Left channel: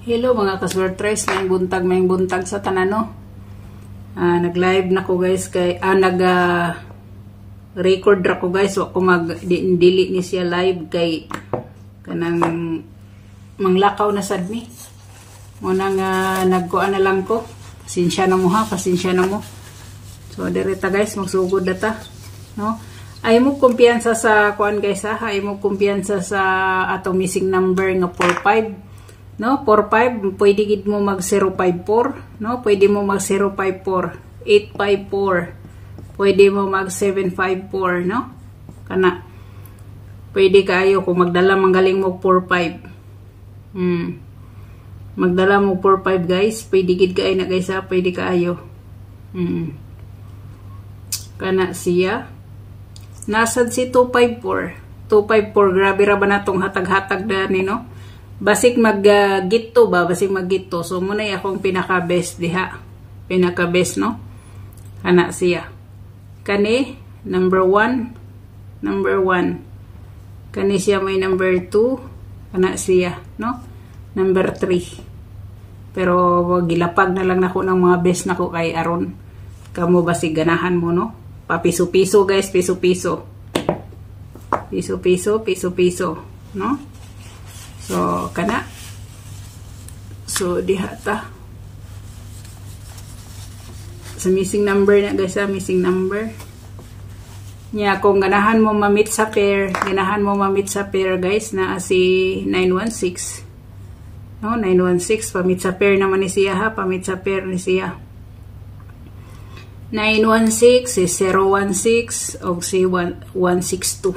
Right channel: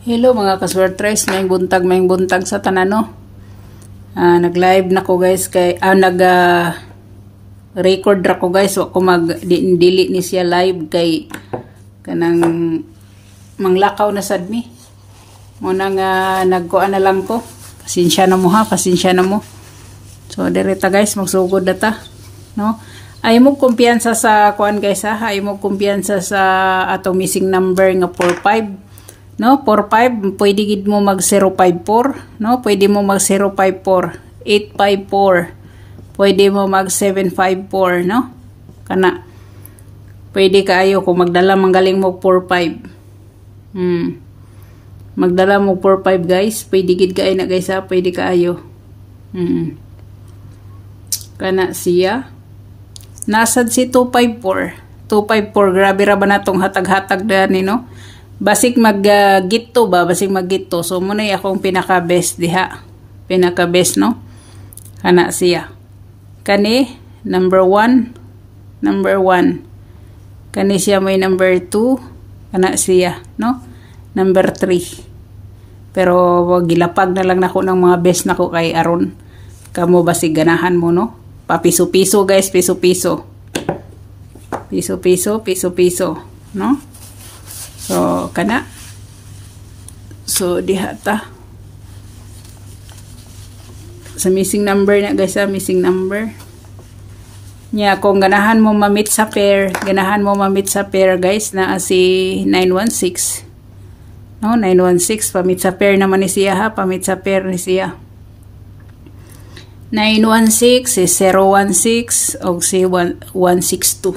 Hello mga kaswertres, may buntag sa tanano. Nag-live na ko guys kay nag-record ra ko guys, wa ko mag-dili ni siya live kay kanang manglakaw na sad mi. Muna nga nagkuan na lang ko. Pasensya na mo ha, pasensya na mo. So direta guys, magsugod na ta, no? Ay mo kumpiyansa sa kuan guys ha, ay mo kumpiyansa sa atong missing number nga 45. No, 45 pwede gid mo mag 054, no? Pwede mo mag 054, 854. Pwede mo mag 754, no? Kana. Pwede kaayo kung magdala manggaling mo 45. Magdala mo 45 guys, pwede gid kaayo na guys ha, pwede kaayo. Kana siya. Nasad si 254. 254 grabe ra ba natong hatag-hatag dani, no? Basig mag-gitto ba? Basig mag-gitto. So, muna yung akong pinaka-best diha. Pinaka-best, no? Kana siya. Kani, number 1. Number 1. Kani siya may number 2. Kana siya, no? Number 3. Pero, gilapag na lang nako ng mga best nako kay aron. Kamo basig ganahan mo, no? Papiso-piso, guys. Piso-piso. Piso-piso, piso-piso. No? So, kana. So, diha ta. Sa missing number na guys, missing number. Nya, kung ganahan mo ma-meet sa pair, guys, na si 916. No, 916, pa-meet sa pair naman ni siya ha, pa-meet sa pair ni siya. 916 si 016 o si 162.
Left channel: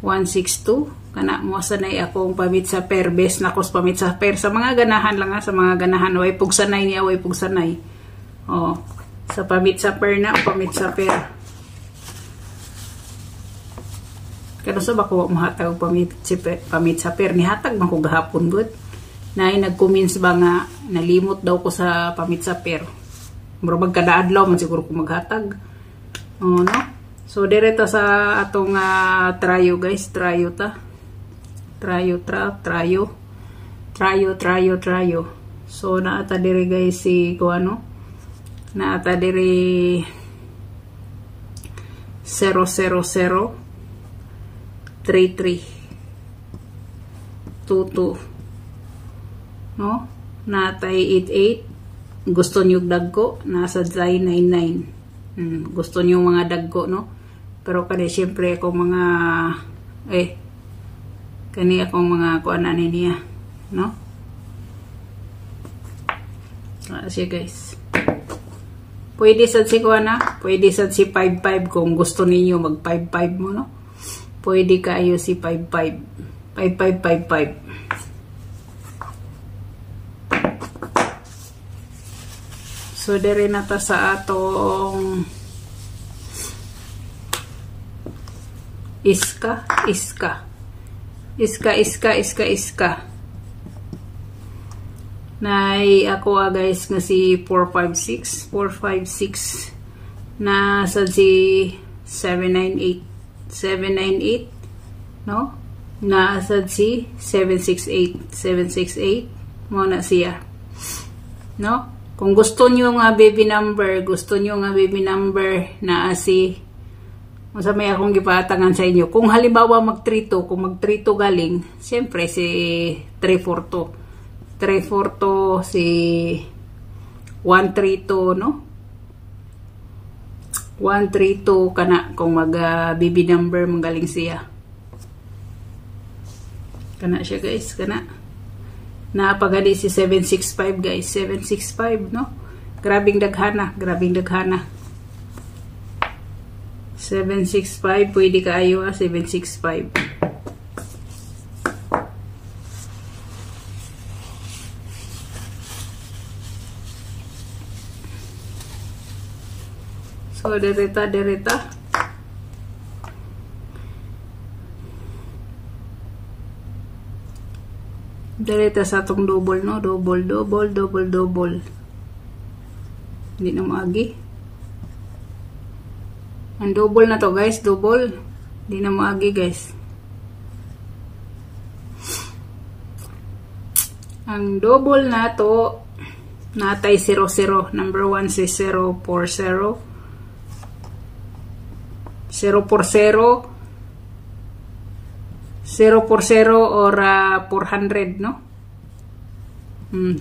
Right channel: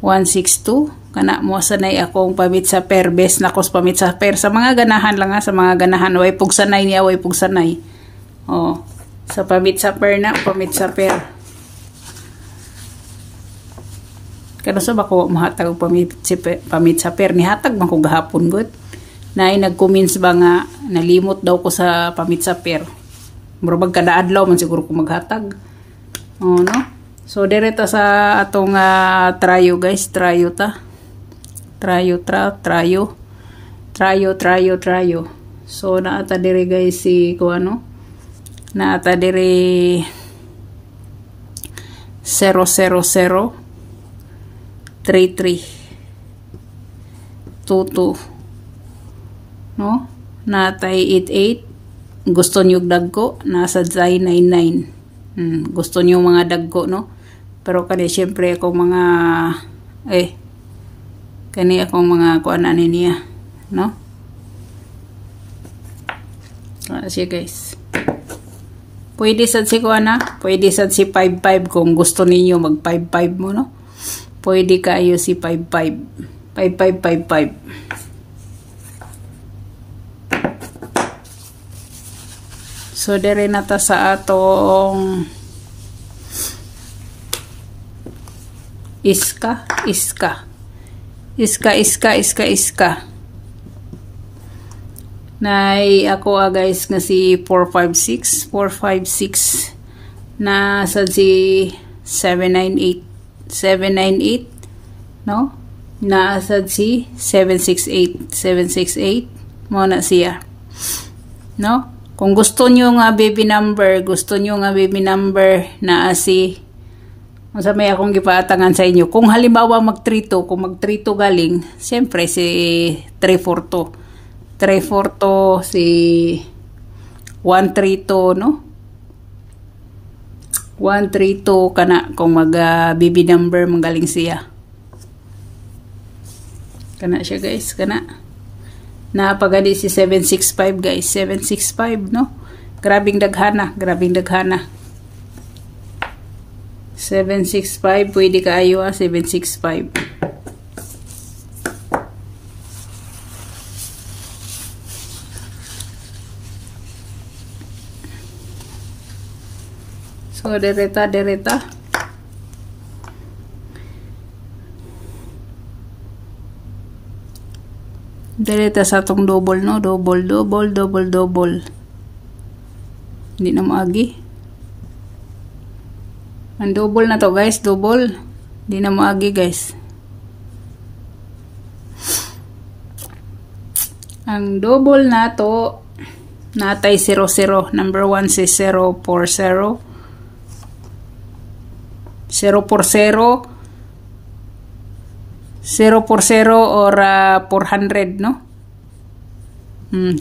162. Kana mo sanay akong pamit sa pair, best na ko pamit sa pair sa mga ganahan lang ha, sa mga ganahan way pug sanay niya, way pug sanay. Oh, sa pamit sa pair na, pamit sa pair. Kano sa bako mahatag pamit sa pair ni hatag man ko gahapon gud. Nay nag-comments ba nga nalimot daw ko sa pamit sa pair. Murag kada adlaw man siguro ko maghatag. Oh no. So direta sa atong tryo guys, tryo ta. Tryo. So naata diri guys si kuano. Naata diri 0003322. No? Natay 88. Gusto niyo dagko, nasa 999. Gusto niyo mga dagko, no? Pero kani syempre ako mga kani akong mga kuanan niya, no? Siya guys. Pwede sad si kuana, pwede sad si 55 kung gusto niyo mag 55 mo, no? Pwede kayo si 55. 55. So dire na ta sa atong iska. Nay ako guys nga si 456 na sa si 798 no, na sa si 768 mo na siya, no? Kung gusto nyo nga baby number na si sa may akong gipatangan sa inyo. Kung halimbawa kung mag-3-2 galing, siyempre si 342. 342 si 132, no? 132 kana kung baby number mong galing siya. Kana siya guys, kana. Napagadi si 765 guys, 765, no? Grabing daghana. 765 pwede kaayo 765. So direta sa atong double, no? Double. Hindi na maagi. Ang double na to guys, double. Di na maagi guys. Ang double na to natay 00. Number 1 si 040. 040 or 400, no?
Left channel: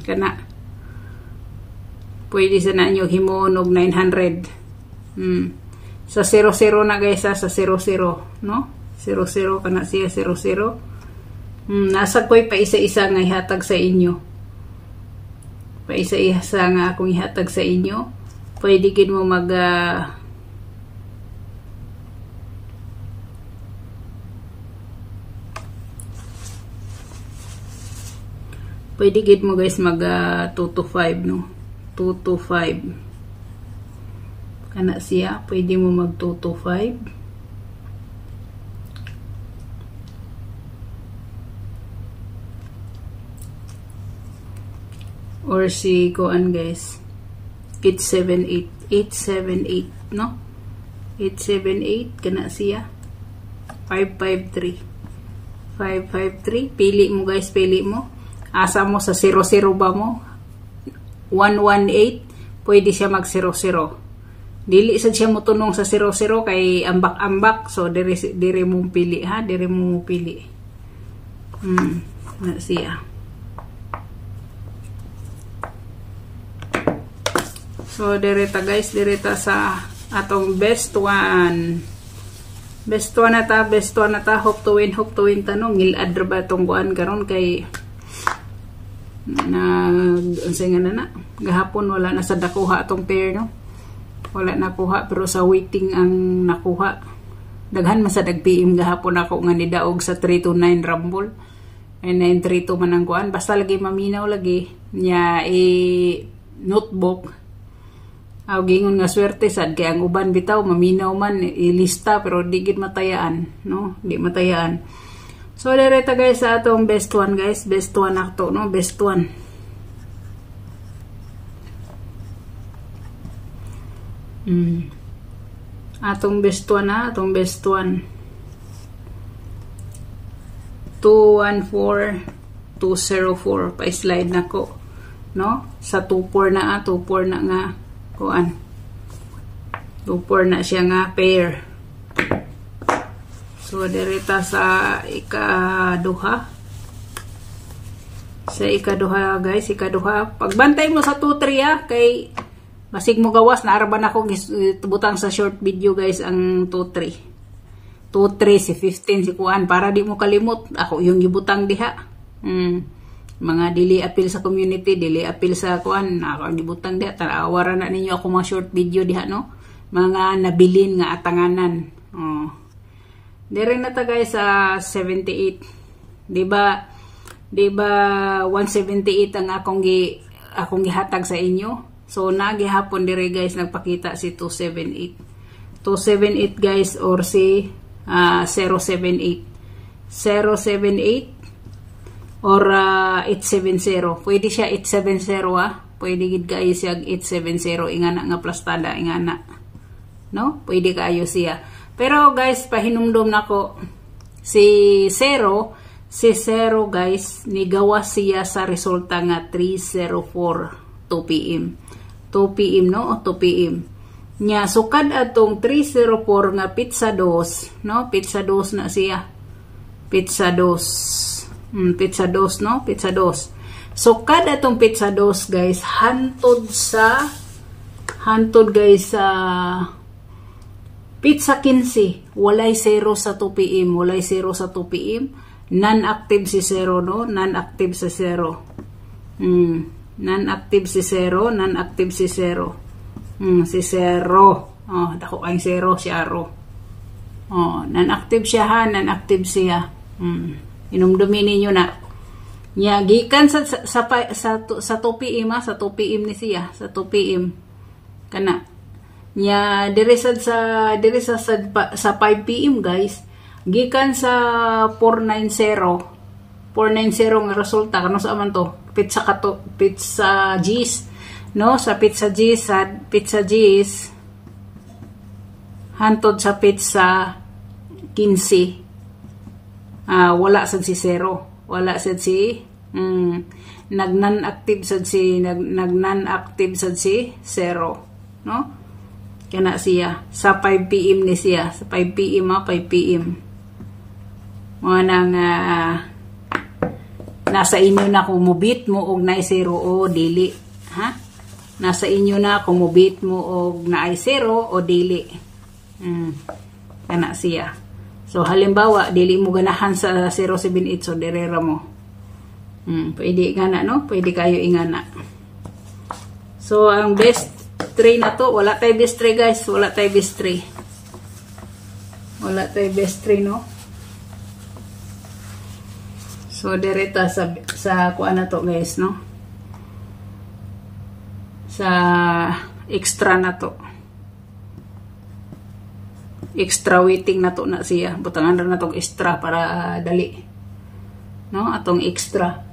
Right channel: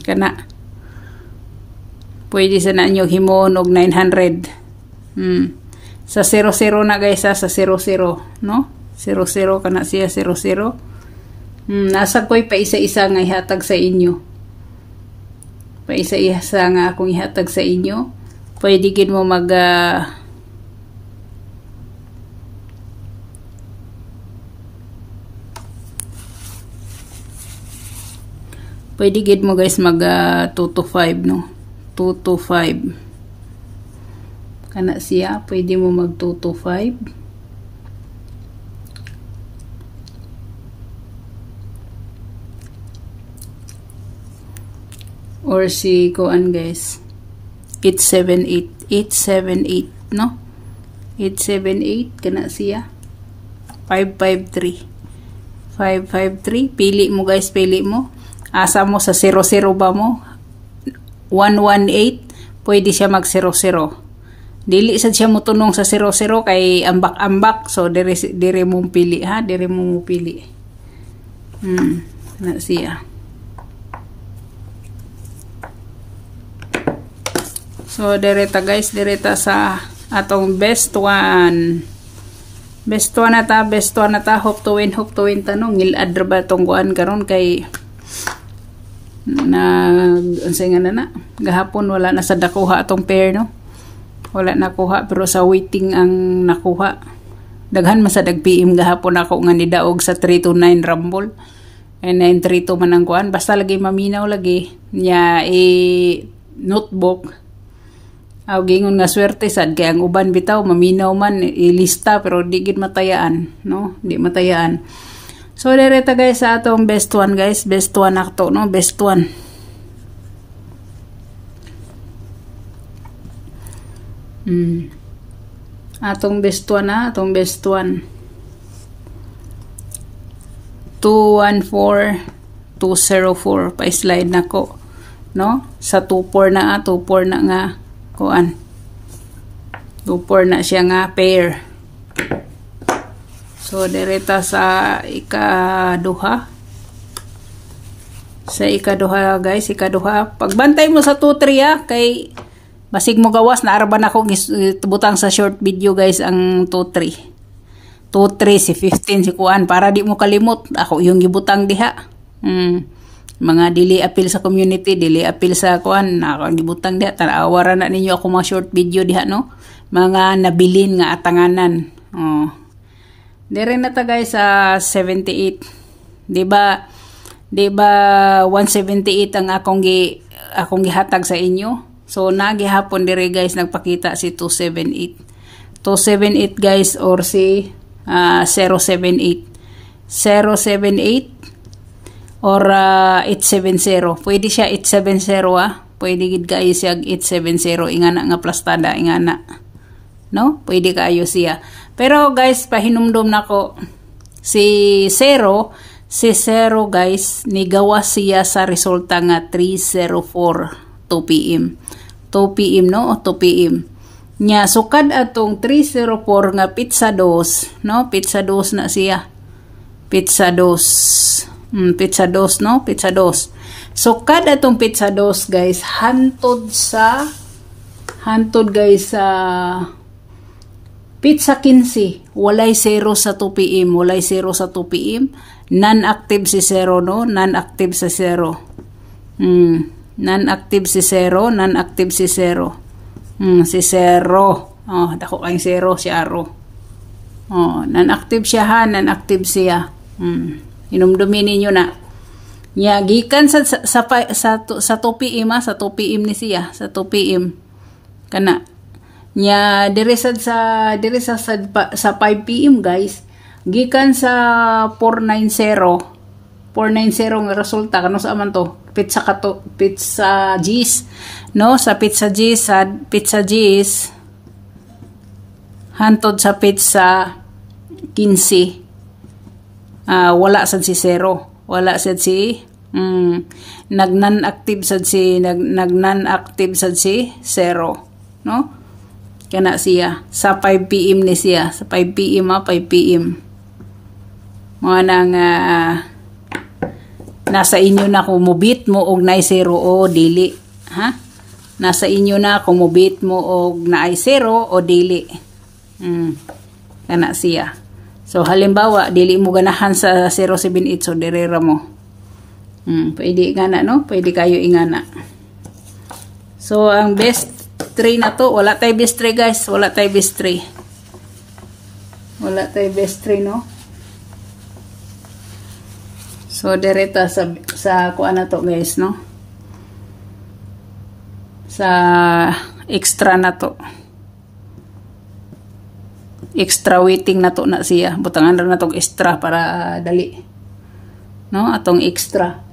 Kana. Pwede sa na inyo himon og 900. Sa 00 na guys, sa 00, no? 00 kana siya 00. Nasa ko'y pa isa-isa nga ihatag sa inyo. Pa isa-isa nga akong ihatag sa inyo. Pwede gid mo mag pwede gid mo guys mag 2 to 5, no? 2 to 5. Kana siya, pwede mo mag 2 to 5. Or si kuan guys, 878, 878, no? 878 kana siya. 553. 553, pili mo guys, pili mo. Asa mo sa 00 ba mo? 118, pwede siya mag 00. Dili sad siya mo tunong sa 00 kay ambak-ambak, so dire mo pili ha, dire mo pili. Na siya. So direta guys, direta sa atong best one. Best one na ta, hope to win tanong ngilad ra ba tong kuan karon kay unsay nga na gahapon wala na sa nakuha atong pair, no? Wala nakuha pero sa waiting ang nakuha. Daghan man sa dag-PM gahapon ako nga nidaog sa 329 Rumble. And 932 man ang kuan, basta lagi maminaw lagi nya notebook. Aw gingon nga swerte sad kay ang uban bitaw maminaw man ilista pero di gid matayaan, no? Di matayaan. So direta guys sa atong best one guys, best one akto, no? Best one. Atong best one na, atong best one. 214 204 pa slide nako, no? Sa 24 na 24 na nga kuan. 24 na siya nga pair. So direta sa ikaduha. Sa ikaduha guys, ikaduha. Pagbantay mo sa 2-3 kay basig mo gawas na araban ako butang sa short video guys ang 2-3. 2-3 si 15 si kuan para di mo kalimot. Ako yung gibutang diha. Mga dili appeal sa community, dili appeal sa kuan, ako gibutang diha. Tanawaran na ninyo ako mga short video diha, no? Mga nabilin nga atanganan. Dire na ta guys sa 78. Di ba 178 ang akong gihatag sa inyo. So nagihapon dire guys nagpakita si 278. 278 guys or si 078. 078 or 870. Pwede siya 870 Pwede gid kaayo siya 870 ingana nga plastada ingana. No? Pwede kaayo siya. Pero guys, pahinumdum nako si 0 guys nigawa siya sa resulta nga 304 2 PM. 2 PM no? O 2 PM. Nya sukad atong 304 nga pizza dos, no? Pizza dos na siya. Pizza dos. Pizza dos, no? Pizza dos. So kada tong pizza dos guys hantod guys sa pizza 15 walay 0 sa 2 PM, walay 0 sa 2 PM, non-active si 0, no? Non-active sa 0. Non-active si 0, non-active si 0. Si 0. Dako kay 0 si Aro. Non-active siya ha, non-active siya. Inumdumin ninyo na. Nya gikan sa 2 PM sa 2 PM ni siya, sa 2 PM. Kana. Nya dire sa 5 PM guys, gikan sa 490 nga resulta kano sa man to? Pizza G's, no? Sa Pizza G's hantod sa pizza 15. Wala sad si 0. Wala sad si Nag non-active sad si nag-non-active sad si 0, no? Kana siya sa 5 PM ni siya, sa 5 PM 5 PM. Mga nang nasa inyo na kung mubit mo og naay 0 o dili, ha? Nasa inyo na kung mubit mo og naay 0 o dili. Kana siya. So halimbawa dili mo ganahan sa 078, so direra mo. Pwede ingana, no? Pwede kayo ingana. So ang best 3 na to, wala tay best 3 guys, wala tay best 3. Wala tay best 3, no? So direta sa kuan na to guys, no? Sa extra na to. Extra waiting na to na siya. Butangan na tong extra para dali. No? Atong extra.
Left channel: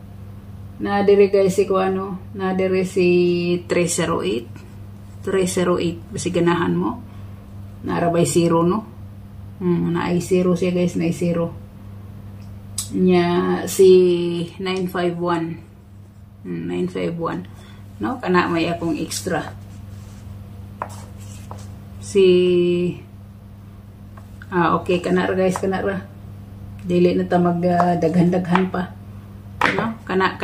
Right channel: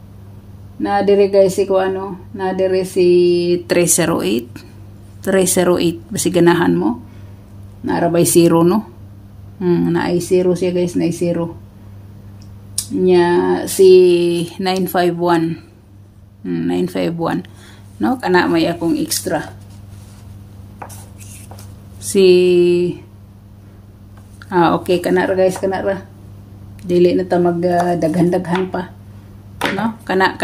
Na dire guys si kuano, na dire si 308. 308 basi ganahan mo. Narabay 0, no? Na ay 0 siya guys, na ay 0. Nya si 951. 951. No? Kana may akong extra. Si okay, kana ra guys, kana ra. Dili na ta magdaghan-daghan pa. No? Kana.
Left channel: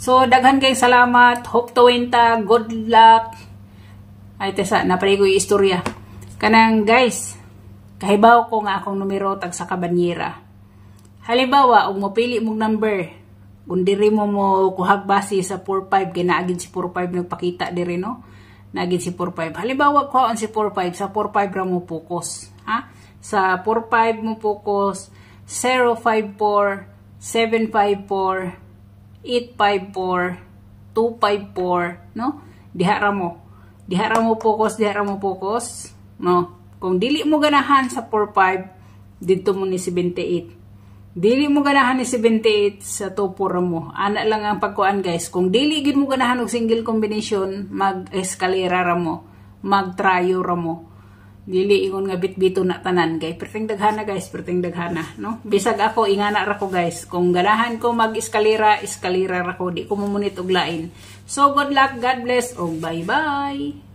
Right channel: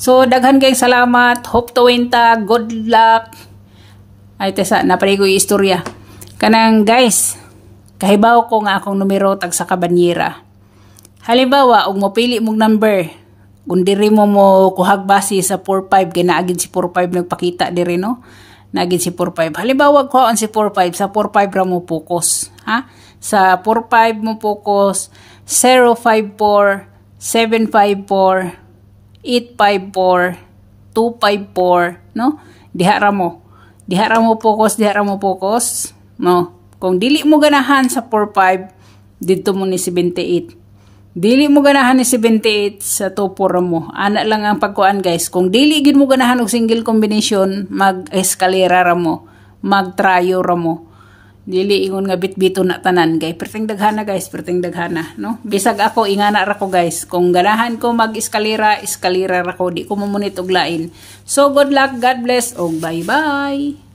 So daghan kay salamat. Hope to win ta. Good luck. Ay tesa naparigo istorya. Kanang guys, kahibaw ko nga akong numero tag sa kabanyera. Halimbawa, og mopili mong number, kung diri mo kuhag base sa 45, kaya naagin si 45 nagpakita diri, no? Naagin si 45. Halimbawa, kuhaan si 45, sa 45 ra mo focus. Ha? Sa 45 mo focus, 054, 754, 854, 254, no? Diha ra mo focus, no? Kung dili mo ganahan sa 45, dito mo ni 78. Dili mo ganahan ni 78 sa 24 mo. Ana lang ang pagkuan guys. Kung dili gid mo ganahan og single combination, mag-eskalera ra mo, mag-tryo ra mo. Dili ingon nga bit-bito na tanan kay perting daghana guys, perting daghana, no? Bisag ako ingana ra ko guys. Kung ganahan ko mag-eskalera ra ko, di ko mamunit og lain. So good luck, God bless, og bye-bye.